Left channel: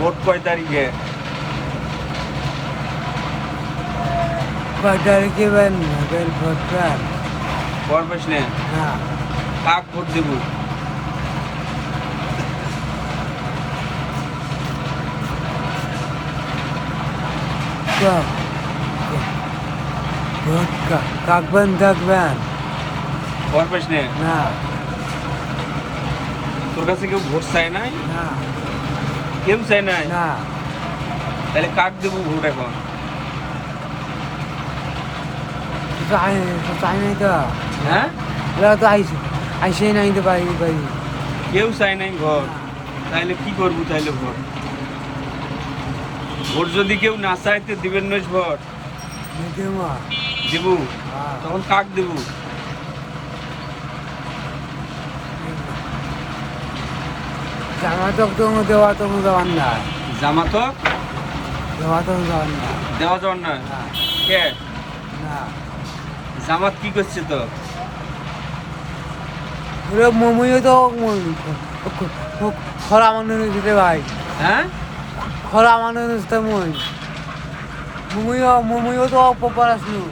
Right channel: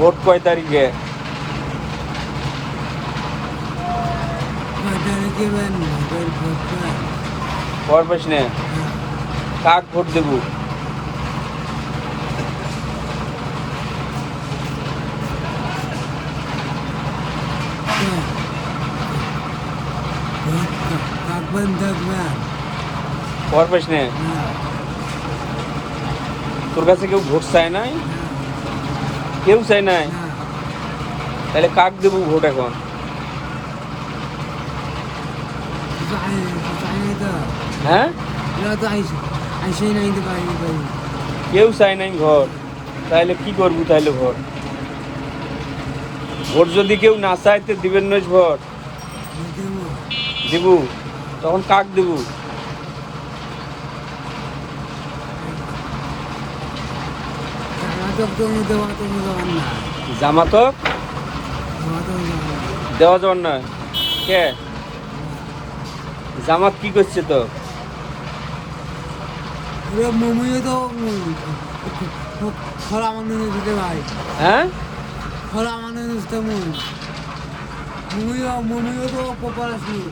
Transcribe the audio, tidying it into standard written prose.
Vote কয় তারিখে? কয় তারিখে বেন ভোট কর করবেস না? না কাক ভোট দেবো? তো ভোট কাকবেন দেখবেন করবেস না? না তোর কাছে কেউ ভোট চায় না? না কেউ চায় না? না তাহলে কাক দেবো ভোট এখন? চাই নাই তো হ্যাঁ, এরা তো আইসেই নাই তো পারি পারি কেউ চায় নাই ভোট, তাহলে কি করবি? তাহলে ভোট ভোট যদি কেউ না চায় তো দিবেন নইস ভোট? দেবো? তখন কাক দেবো? জামাতক তো দেওয়া তো যাওয়ার না জামাতক দেওয়া তো যাওয়ার না দেওয়া যাওয়ার না? কে? না জামাত কি করছে তো? ওরা মমিও তো খরা মানুষ দিতে ভাই হ্যাঁ, খরা মানুষ তো মমিও তো পপার আসলো